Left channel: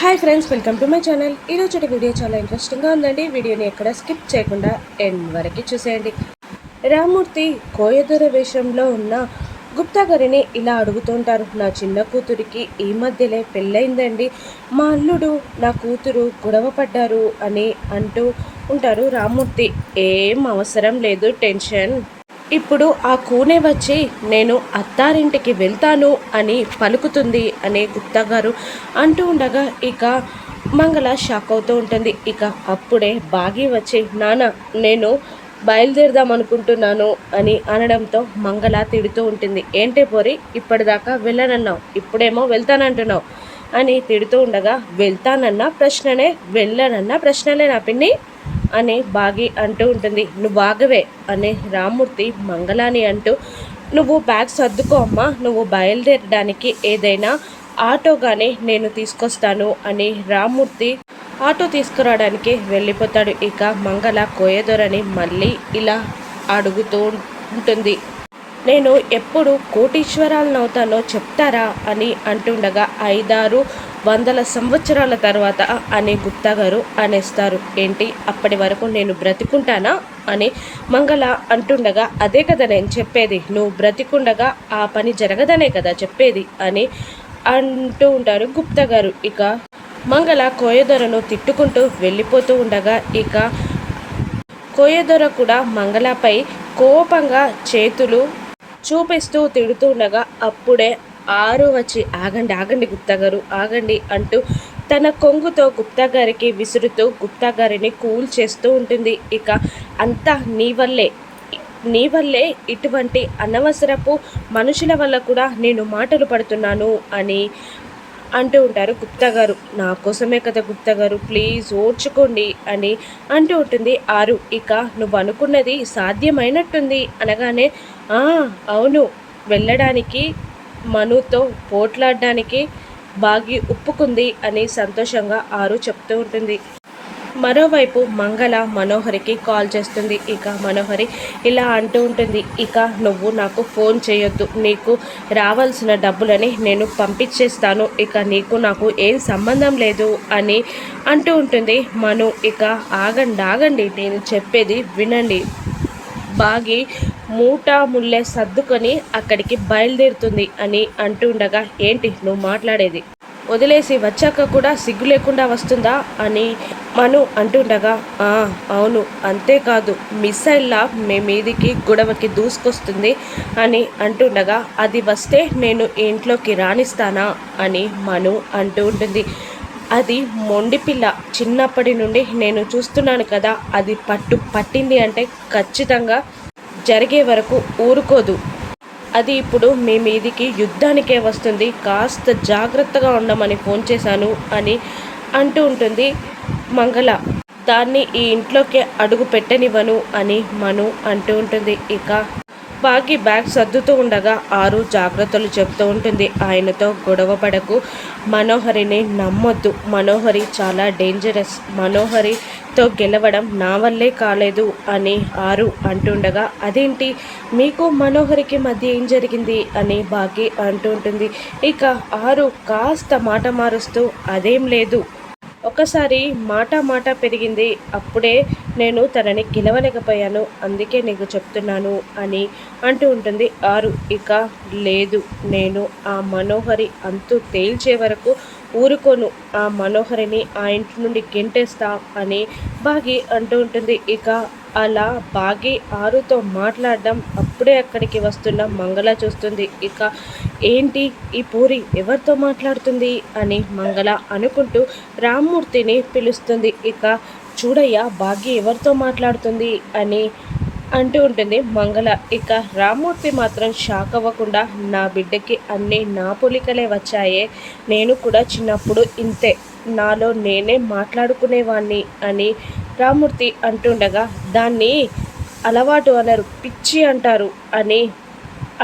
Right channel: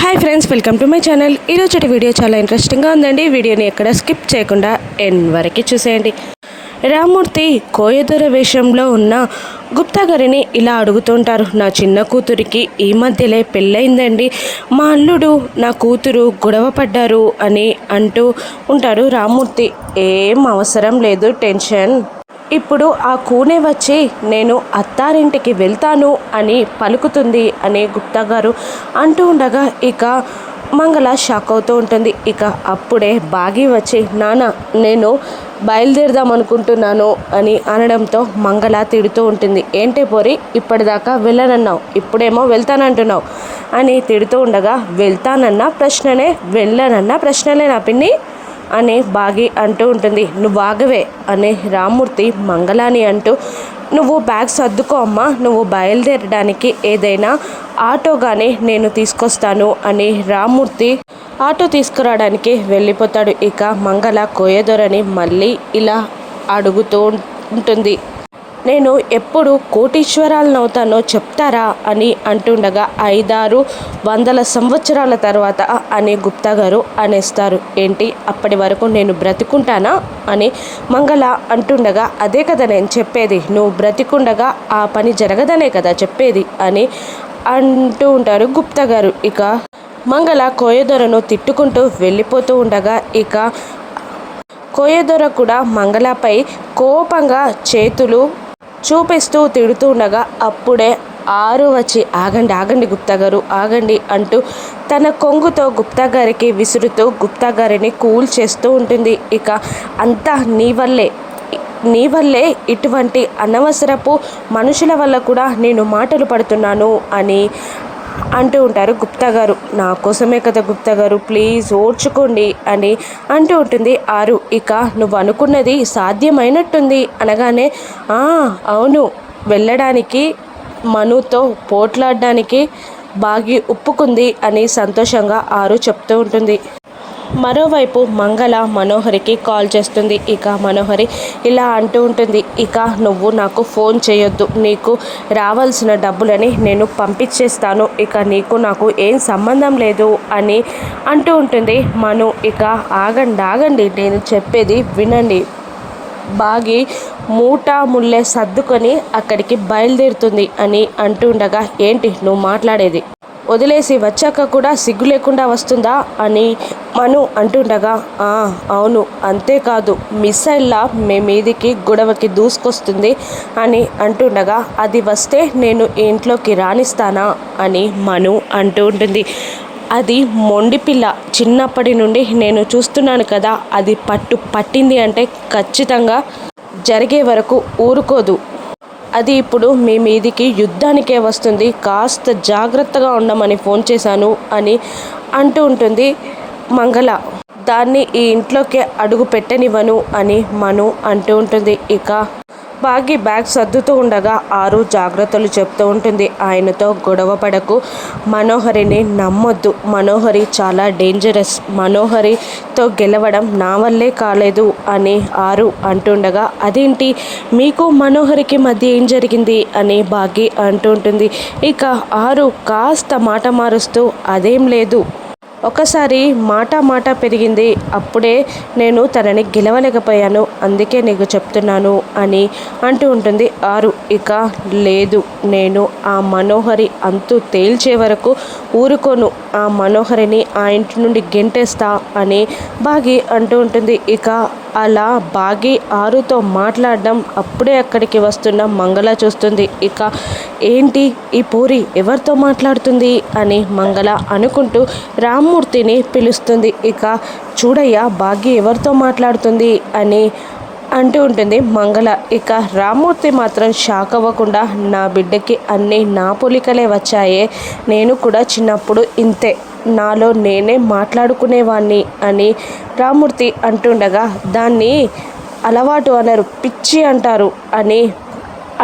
Hi friends, welcome to my channel. ఈరోజు video చాలా ఇంట్రెస్టింగ్గా ఉందండి. వీడియోని ఎక్కడ స్కిప్ చేయకుండా ఎండ్ వరకు చూసేయండి. రామ్మూర్తి కోయదొర వేషంలో ఉన్న గుప్తా గారిని ఇలా అడుగుతుంటారు. నా చిన్న కూతురికి ఈ మధ్యలే పెళ్ళయిందండి. మా అల్లుడు నా కూతురు గొడవ పడ్డారు అని అంటూ ఉంటాడు రామ్మూర్తి. ఏం అవసరం లేదు టెన్షన్. ఇప్పుడు ఆ కూనే వచ్చి నేను అత్తారింటికి వెళ్తాను అని పలుకుతుంది అని గుప్తా గారు అంటూ ఉండగా ఇక మంగళ షాక్ అవుతూ ఉంటుంది. ఇక అప్పుడే బాగి వచ్చి నాన్న నేను బయలుదేరదాం అనుకుంటున్నాను అని అనడంతో మంగళ తిడుతూ ఉంటుంది. ఏంటి పోరి, ఇప్పటిదాకా వెళ్ళనన్నావు, ఇప్పుడేమో వెళ్తానంటున్నావు అని తిడుతూ ఉండగా వెళ్తానన్న ప్రశ్ననే వెళ్ళనన్న ప్రశ్నలే నా పిన్ని అని బాగి అంటూ ఉంటుంది. నువ్వు ఆగవే అని రామ్మూర్తి మంగళాని అంటూ నువ్వు బ్యాగ్ సర్దుకో అమ్మా, నువ్వు బయలుదేరడానికి ఏదైనా ఆటోగానే నేను తీసుకొస్తాను అని రామ్మూర్తి ఆటో తీసుకురావడానికి వెళ్ళిపోతాడు. ఇక మంగళ కోయదొరని మళ్ళీ ఇలా అడుగుతూ ఉంటుంది. నేను ఎప్పుడు కోటీశ్వరాలనవుతానో చెప్తారా అని అంటుండగా 500 సంవత్సరాల తర్వాత అని గుప్తా గారు అనేస్తారు. ఏంటి అప్పటి వరకు నేను బ్రతికుంటానా అని మంగళ అంటుండగా అదే కదా నేను చెప్పేది, నువ్వు బ్రతికుండగా ఆ పని జరగదనే కదా చెప్పేది అని అంటూ ఉంటారు గుప్తా గారు. ఇక మంగళ కోయదొరను తిట్టుకుంటూ వెళ్ళిపోతూ ఉండగా ఇక కోయదొర కూడా మంగళపై కోపంగా చేతులు చూపిస్తూ తిడుతూ ఉండగా అప్పుడే ఆరు వచ్చి ఆగండి ఆగండి గుప్తా గారు ఆగండి అంటూ తన కొంగుతో గుప్తా గారికి విసురుతూ గుప్తా గారిని కూల్ చేస్తూ ఉంటుంది. ఇక అంతా నీ వల్లే ఇటువంటి అనవసరపు మనుషుల వల్ల కూడా నేను మాటలు పడుతున్నాను అని అంటూ ఉంటారు గుప్తా గారు. నా కోసమే కదా గుప్తా గారు, ప్లీజ్ ఓర్చుకోండి అని అంటూ ఉంటుంది ఆరు. ఇక నువ్వు అనుకున్నది సాధ్యమైనట్టుంది అనగానే అవును, వెళ్ళడానికి మనుతో పోట్లాడడానికి బాగి ఒప్పుకుంది అని సంతోషంగా ఆరు చెప్తూ ఉంటుంది. మరోవైపు మంగళ మనోహరికి కాల్ చేస్తుంది. ఇక మనోహరి ఇలా అంటూ ఉంటుంది. ఇక నువ్వు నాకు ఫోన్ చేయొద్దు, నీకు రావాల్సిన డబ్బులని నేను పంపించేస్తాను, ఇక నీకు నాకు ఏం సంబంధం లేదు అని అంటూ ఉంటుంది మను. ఇక ఆగండి నేను చెప్పేది వినండి. బాగి ముల్లె సర్దుకొని అక్కడికి బయలుదేరుతుంది అని అంటుండగా ఏంటి నువ్వు మాట్లాడేది, వదిలేసి వచ్చాక కూడా సిగ్గు లేకుండా వస్తుందా అని మను అంటుండగా అవును, అంతేకాదు మిసైల్లా మీ మీదికి గొడవకి దూసుకొస్తుంది అని అంటుండగా అది వస్తే నేను ఇంట్లోకి రానిస్తానా అని మను అంటూ ఉంటుంది. అది మొండిపిల్ల, చిన్నప్పటి నుండి నేను చూస్తున్నాను కదా, అది పట్టింది అంటే ఖచ్చితంగా జరిగే వరకు ఊరుకోదు, అది ఇప్పుడు మీ మీదికి యుద్ధానికే వస్తుంది, కాస్త జాగ్రత్తగా ఉండమని ఫోన్ చేశాను అని అంటూ ఉంటుంది మంగళ. దాన్ని ఈ ఇంట్లోకి అడుగు పెట్టనివ్వను అని మను అంటూ ఉంటుంది. ఇక బాగి బ్యాగ్ సర్దుతూ ఉండగా ఆరు జాగ్రత్తలు చెప్తూ ఉంటుంది. ఆయనతో గొడవ పడకు, మనోహరిని నమ్మొద్దు, మనోహరి చాలా డేంజరస్, మనోహరితో గెలవడం నా వల్లే కాలేదు అని ఆరు అంటుండగా అదేంటి మీకు మనోహరికి మధ్య ఏం జరిగింది అని బాగి అంటూ ఉంటుంది. ఇక ఆరు కాస్త మాట మారుస్తూ అదేం లేదు, ఒకసారి మాట పెరిగింది, అప్పుడే నేను తనని గెలవలేకపోయాను, అందుకే నీకు చెప్తున్నాను అని అంటూ ఉంటుంది ఆరు. ఇక లేదు, నేను ఆ మనోహరి అంతు తేల్చే వరకు ఊరుకోను, ఆ మనోహరిని ఆ ఇంటి నుండి గెంటేస్తా అని బాగి అంటూ ఉంటుంది. ఇక అలా బాగి ఆరుతో మాట్లాడడం అప్పుడే అక్కడికి వస్తున్న మంగళ చూస్తుంది. ఇక ఏంటి ఈ పూరి ఎవరితో మాట్లాడుతుంది అని మంగళ అనుకుంటూ రామ్మూర్తిని పిలుస్తుంది. ఇక చూడయ్యా బాగి ఎవరితో మాట్లాడుతుంది అని అంటూ ఉంటుంది మంగళ. ఇక రామ్మూర్తి మాత్రం షాక్ అవ్వకుండా నా బిడ్డకి అన్నీ నా పోలికలే వచ్చాయే, నేను కూడా చిన్నప్పుడు ఇంతే, నాలో నేనే మాట్లాడుకునేవాణ్ణి అని రామ్మూర్తి అంటుండగా దాన్ని అలవాటు అనరు, పిచ్చి అంటారు అని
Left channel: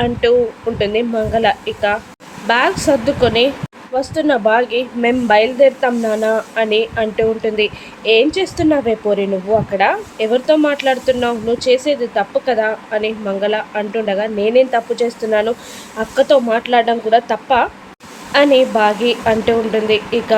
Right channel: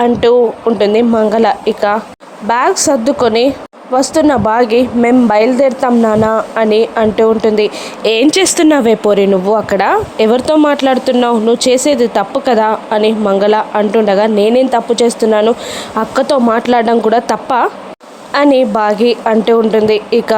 అంటూ ఉంటుంది మంగళ. ఇక బ్యాగ్ సర్దుకొని వస్తున్న బాగి మేము బయలుదేరుతాం నానా అని అంటూ ఉంటుంది. ఏం చేస్తున్నావే పోరి, నువ్వు అక్కడ ఎవరితో మాట్లాడుతున్నావు, నువ్వు చేసేది తప్పు కదా అని మంగళ అంటుండగా నేనేం తప్పు చేస్తున్నాను, అక్కతో మాట్లాడడం కూడా తప్ప అని బాగి అంటూ ఉంటుంది. ఇక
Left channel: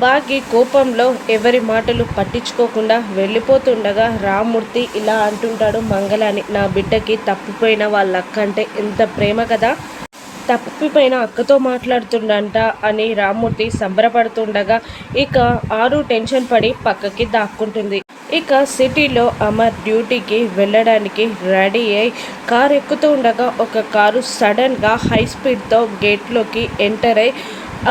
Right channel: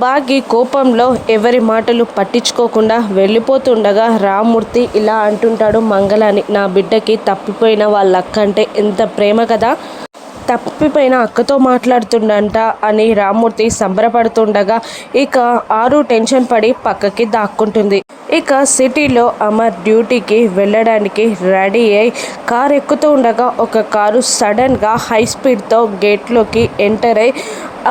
బాగి కోపంలో ఎవరి మాటలు పట్టించుకోకుండా వెళ్ళిపోతుండగా రామ్మూర్తి ఇలా అంటుంటాడు మంగళని, నా బిడ్డకి తప్పిపోయిన వాళ్ళ అక్క అంటే ఎంత ప్రేమ కదా, తప్పిపోయిన అక్కతో మాట్లాడుతుండంట అని రామ్మూర్తి సంబరపడుతుండగా ఇక ఆరు టెన్షన్ పడి పక్కకి దాక్కుంటుంది. ఇక సిటీలో అమర్ డ్యూటీకి వెళ్ళడానికి రెడీ అయి కారు ఎక్కుతూ ఉండగా ఒక కారు సడన్గా హై స్పీడ్తో గేట్లోకి ఎంటర్ అయి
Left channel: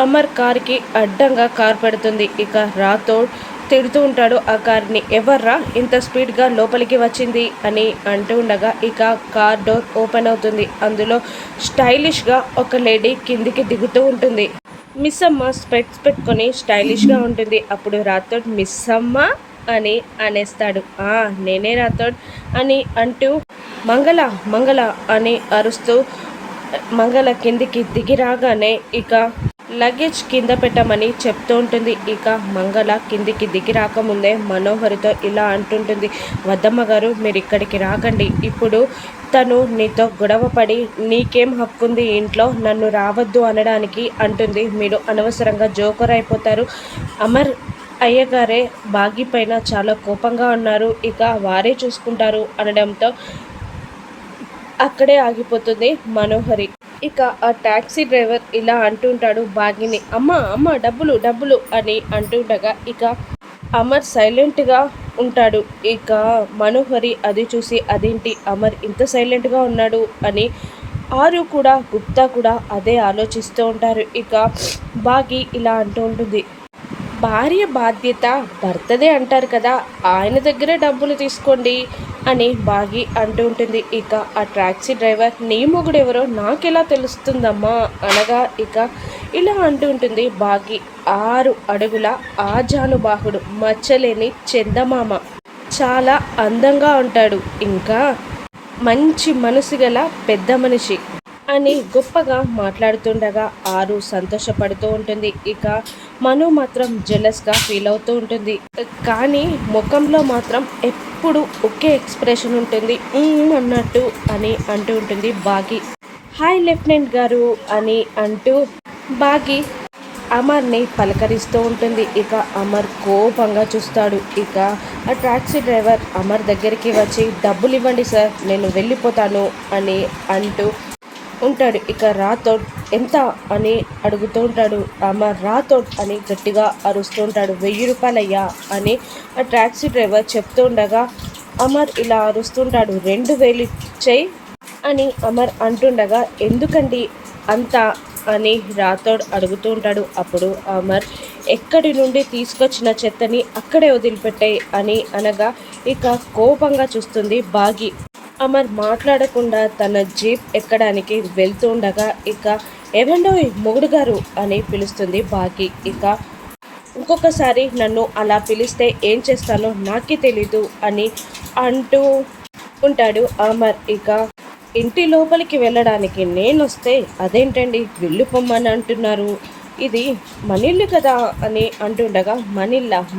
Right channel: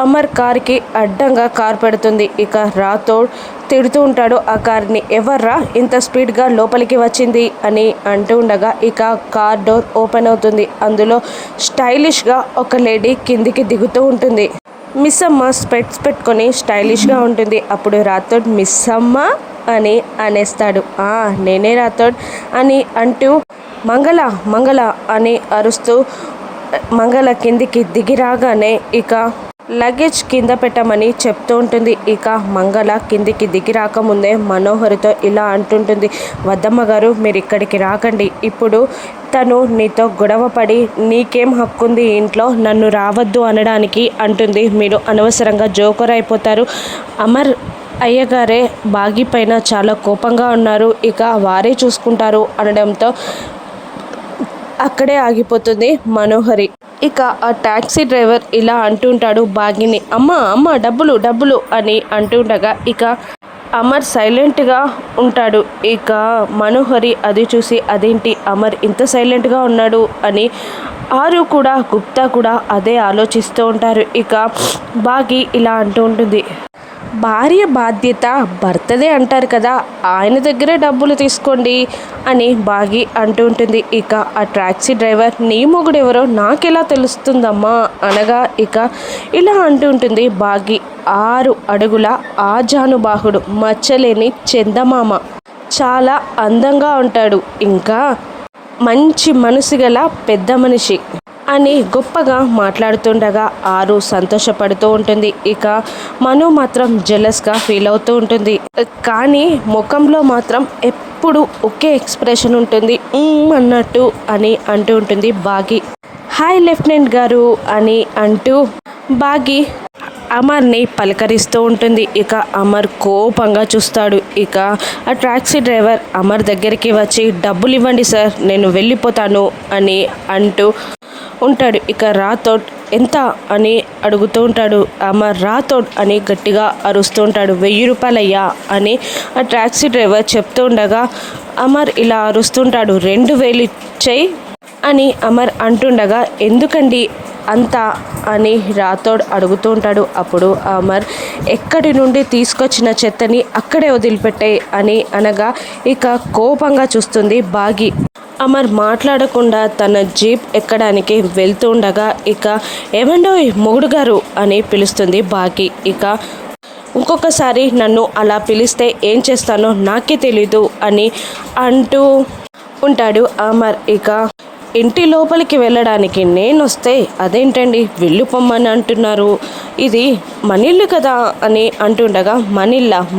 అమర్ కార్కి అడ్డంగా కార్ పెడుతుంది. ఇక రాథోడ్ తిడుతూ ఉంటాడు ఆ కార్ని, ఎవర్రా ఇంత స్పీడ్గా లోపలికి వచ్చింది అని అంటూ ఉండగా ఇక కార్ డోర్ ఓపెన్ అవుతుంది. అందులో స్టైలిష్గా ఒక లేడీ కిందికి దిగుతూ ఉంటుంది. మిస్ అమ్మ స్పెట్స్ పెట్టుకొని స్టైలిష్గా ఉంటుంది. అప్పుడు రాథోడ్ మిస్ అమ్మ అని అనేస్తాడు. నేనే రాథోడ్ అని అంటూ మంగళ మంగళ అని అరుస్తూ మంగళ కిందికి దిగి రాగానే ఇక లగేజ్ కింద పెట్టమని చెప్తూ ఉంటుంది. ఇక మంగళ కిందికి దిగి రాకముందే మనోహరితో ఇలా అంటుంటుంది, వద్దమ్మ గారు మీరు ఇక్కడికి రాకండి, ఇప్పుడు తను నీతో గొడవపడి నీకేం హక్కుంది ఇంట్లో నన్ను రావద్దు అనడానికి అంటుంది. మీరు అనవసరంగా జోకర్ అయిపోతారు. అమర్ అయ్యగారే బాగి పైన చాలా కోపంగా ఉన్నారు, ఇక వారే చూసుకుంటారు అనడంతో అక్కడే ఆగిపోతుంది మనోహరి. ఇక ఆ టాక్సీ డ్రైవర్ ఇలా అంటుంటాడు బాగిని, అమ్మ అమ్మ డబ్బులు డబ్బులు అని అంటుండగా ఇక అమర్ సైలెంట్గా ఉంటాడు. ఇక మనోహరి అది చూసి అదేంటి అమర్ ఇంత సైలెంట్గా ఉన్నాడు అని ఆరు కూడా గుప్తా కూడా అదే ఆలోచిస్తూ ఉంటారు. ఇక బాగి ఇలా అంటూ ఉంటుంది, భార్య బాధ్యత భర్తదే అంటారు కదా, ఆయన దగ్గరే డబ్బులు తీసుకోండి అని బాగి అంటూ ఉంటుంది. ఇక ఆ టాక్సీ డ్రైవర్ నీ మొగుడెవరో నాకెలా తెలుస్తుందమ్మా అనగా ఇక ఇలా అంటూ ఉంటుంది బాగి, 6 అడుగుల ఆజానుబాహుడు, మచ్చలేని చందమామ, చాలా అందంగా ఉంటాడు, ఇంకా మంచి మనసు గల పెద్ద మనిషి అని గొప్పగా మాట్లాడుతుండగా ఆరు సంతోషపడుతూ ఉంటుంది. ఇక మను మాత్రం జెలస్గా ఫీల్ అవుతూ ఉంటుంది. కానీ ముఖంలో మాత్రం ఎప్పుడు ఒకే ఎక్స్ప్రెషన్ ఉంటుంది, అన్నట్టు అని అంటూ ఉంటుంది బాగి. హాయ్ లెఫ్టినెంట్ గారు అని అంటూ బాగి అమర్ని పలకరిస్తూ ఉంటుంది. ఇక అమర్ కోపంగా చూస్తాడు. ఇక ఆ టాక్సీ డ్రైవర్ అమర్ దగ్గరికి వచ్చి డబ్బులు ఇవ్వండి సార్ నేను వెళ్ళిపోతాను అని అంటూ ఉంటాడు. ఇక రాథోడ్ ఎంత అని అడుగుతూ ఉంటాడు. అమర్ రాథోడ్ అని గట్టిగా అరుస్తూ ఉంటాడు. 1000 రూపాయలయ్యా అని ఆ టాక్సీ డ్రైవర్ చెప్తూ ఉండగా అమర్ ఇలా అరుస్తుంటాడు. 2000 ఇచ్చేయి అని అమర్ అంటుండగా ఎందుకండి అంతా అని రాథోడ్ అడుగుతూ ఉంటాడు. అప్పుడు అమర్ ఎక్కడి నుండి తీసుకొచ్చిన చెత్తని అక్కడే వదిలిపెట్టాయి అని అనగా ఇక కోపంగా చూస్తుంది బాగి. అమర్ మాట్లాడకుండా తన జీప్ ఎక్కడానికి వెళ్తూ ఉండగా ఇక ఏమండో మొగుడు గారు అని పిలుస్తుంది బాగి. ఇక ఇంకొకసారి నన్ను అలా పిలిస్తే ఏం చేస్తానో నాకే తెలీదు అని అంటూ ఉంటాడు అమర్. ఇక ఇంటి లోపలికి వెళ్ళడానికి నేను వస్తే అదేంటండి వెళ్ళిపోమ్మని అంటున్నారు, ఇది మనిల్లు కదా అని అంటుండగా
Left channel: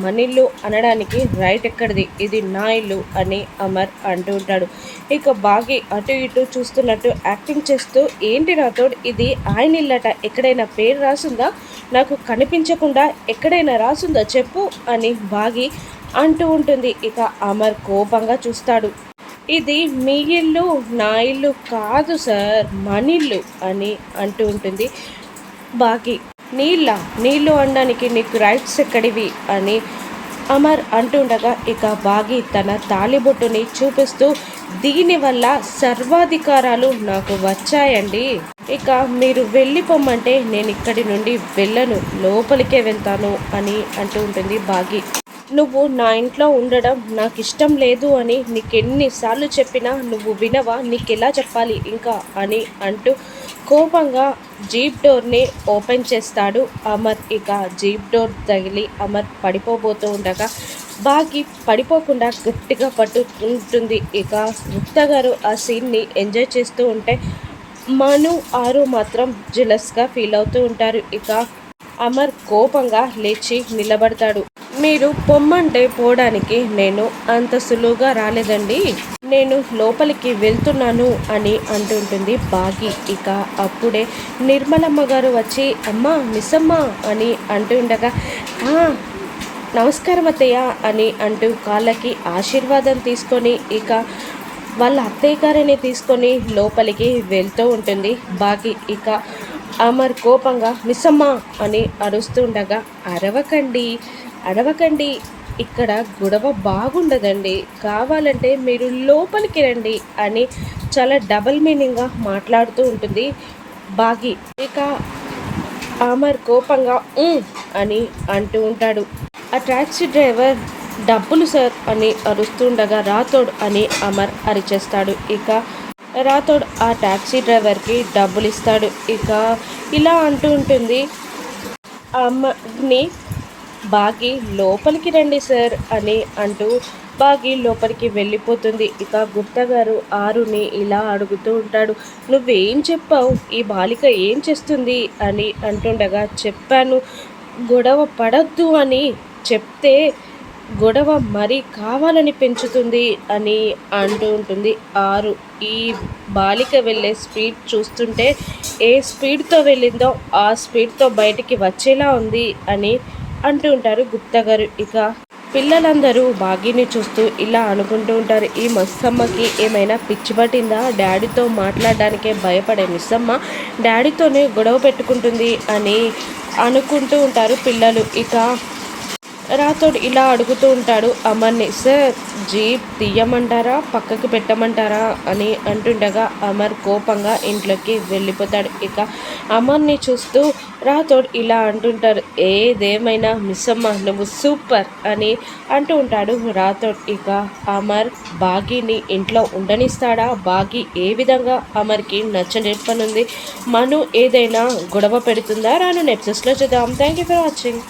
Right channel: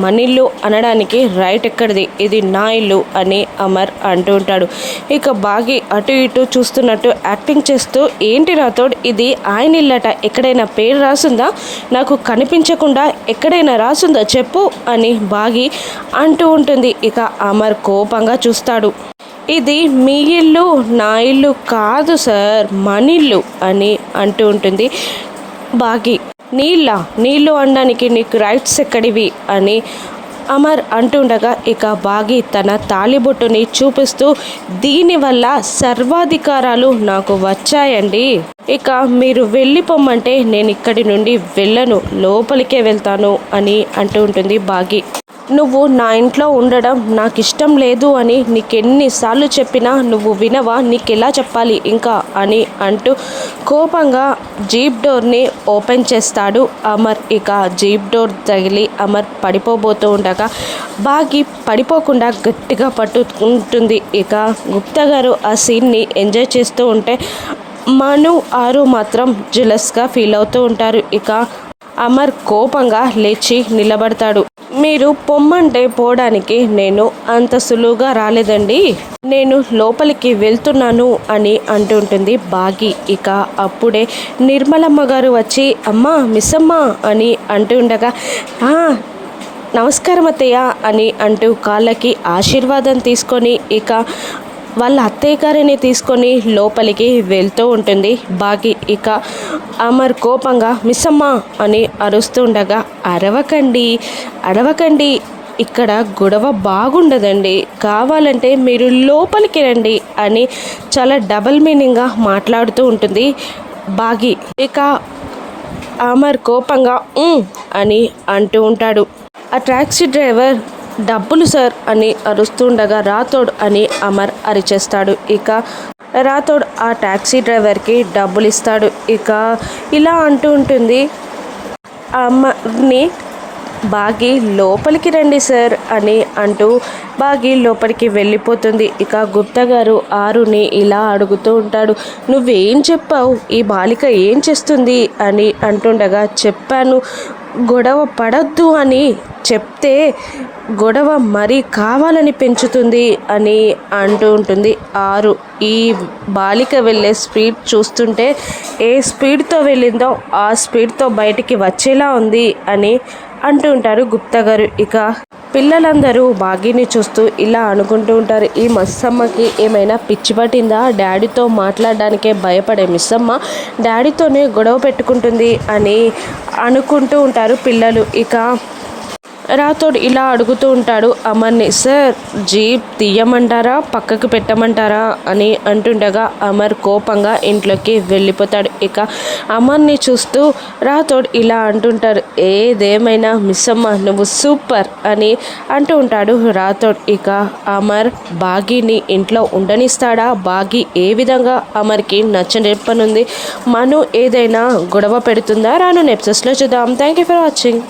మనిల్లు అనడానికి రైట్ ఎక్కడిది, ఇది నా ఇల్లు అని అమర్ అంటూ ఉంటాడు. ఇక బాగి అటు ఇటు చూస్తున్నట్టు యాక్టింగ్ చేస్తూ ఏంటి రాథోడ్ ఇది ఆయన ఇల్లట, ఎక్కడైనా పేరు రాసుందా, నాకు కనిపించకుండా ఎక్కడైనా రాసుందా చెప్పు అని బాగి అంటూ ఉంటుంది. ఇక అమర్ కోపంగా చూస్తాడు. ఇది మీ ఇల్లు నా ఇల్లు కాదు సార్ మనిల్లు అని అంటూ ఉంటుంది బాగి. నీళ్ళు అనడానికి నీకు రైట్స్ ఎక్కడివి అని అమర్ అంటుండగా ఇక బాగి తన తాళిబొట్టుని చూపిస్తూ దీనివల్ల సర్వాధికారాలు నాకు వచ్చాయండి, ఇక మీరు వెళ్ళిపోమ్మంటే నేను ఇక్కడి నుండి వెళ్ళను, లోపలికే వెళ్తాను అని అంటూ ఉంటుంది బాగి. నువ్వు నా ఇంట్లో ఉండడం నాకు ఇష్టం లేదు అని నీకెన్నిసార్లు చెప్పినా నువ్వు వినవా, నీకెలా చెప్పాలి ఇంకా అని అంటూ కోపంగా జీప్ డోర్ని ఓపెన్ చేస్తాడు అమర్. ఇక జీప్ డోర్ తగిలి అమర్ పడిపోబోతూ ఉండగా బాగి పడిపోకుండా గట్టిగా పట్టుకుంటుంది. ఇక గుప్తా గారు ఆ సీన్ని ఎంజాయ్ చేస్తూ ఉంటే మను ఆరు మాత్రం జెలస్గా ఫీల్ అవుతూ ఉంటారు. ఇక అమర్ కోపంగా లేచి నిలబడతాడు. మీరు పొమ్మంటే పోవడానికి నేను అంత సులువుగా రాలేదండి, నేను లోపలికి వెళ్తున్నాను అని అంటుంటుంది బాగి. ఇక అప్పుడే నిర్మలమ్మ గారు వచ్చి అమ్మ మిస్సమ్మ అని అంటుండగా నమస్కారం అత్తయ్య అని అంటూ కాళ్ళకి ఆశీర్వాదం తీసుకొని ఇక వాళ్ళ అత్తయ్య గారిని తీసుకొని లోపలికి వెళ్తూ ఉంటుంది బాగి. ఇక అమర్ కోపంగా మిస్సమ్మ అని అరుస్తుండగా అరవకండి, ఇక్కడ గొడవ బాగుండదండి, కావాలంటే మీరు లోపలికి రండి అని చాలా డబుల్ మీనింగ్గా మాట్లాడుతూ ఉంటుంది బాగి. ఇక అమర్ కోపంగా అని అంటూ ఉంటాడు. ఆ టాక్సీ డ్రైవర్ డబ్బులు సార్ అని అరుస్తుండగా రాథోడ్ అని అమర్ అరిచేస్తాడు. ఇక రాథోడ్ ఆ టాక్సీ డ్రైవర్కి డబ్బులు ఇస్తాడు. ఇక ఇలా అంటూ ఉంటుంది అమర్ని, బాగి లోపలికి రండి సార్ అని అంటూ బాగి లోపలికి వెళ్ళిపోతుంది. ఇక గుప్తా గారు ఆరుని ఇలా అడుగుతూ ఉంటాడు, నువ్వేం చెప్పావు, ఈ బాలిక ఏం చేస్తుంది అని అంటుండగా చెప్పాను గొడవ పడద్దు అని, చెప్తే గొడవ మరీ కావాలని పెంచుతుంది అని అంటూ ఉంటుంది ఆరు. ఈ బాలిక వెళ్ళే స్పీడ్ చూస్తుంటే ఏ స్పీడ్తో వెళ్ళిందో ఆ స్పీడ్తో బయటికి వచ్చేలా ఉంది అని అంటూ ఉంటారు గుప్తా గారు. ఇక పిల్లలందరూ బాగిని చూస్తూ ఇలా అనుకుంటూ ఉంటారు, ఈ మిస్సమ్మకి ఏమైనా పిచ్చి పట్టిందా, డాడీతో మాట్లాడడానికే భయపడే మిస్సమ్మ డాడీతోనే గొడవ పెట్టుకుంటుంది అని అనుకుంటూ ఉంటారు పిల్లలు. ఇక రాథోడ్ ఇలా అడుగుతూ ఉంటాడు అమర్ని, సార్ జీప్ తీయమంటారా పక్కకు పెట్టమంటారా అని అంటుండగా అమర్ కోపంగా ఇంట్లోకి వెళ్ళిపోతాడు. ఇక అమర్ని చూస్తూ రాథోడ్ ఇలా అంటుంటారు, ఏదేమైనా మిస్సమ్మ నువ్వు సూపర్ అని అంటూ ఉంటాడు రాథోడ్. ఇక అమర్ బాగీని ఇంట్లో ఉండనిస్తాడా, బాగి ఏ విధంగా అమర్కి నచ్చనిప్పనుంది, మను ఏదైనా గొడవ పెడుతుందా, రాను ఎపిసోడ్స్లో చూద్దాం. Thank you for watching.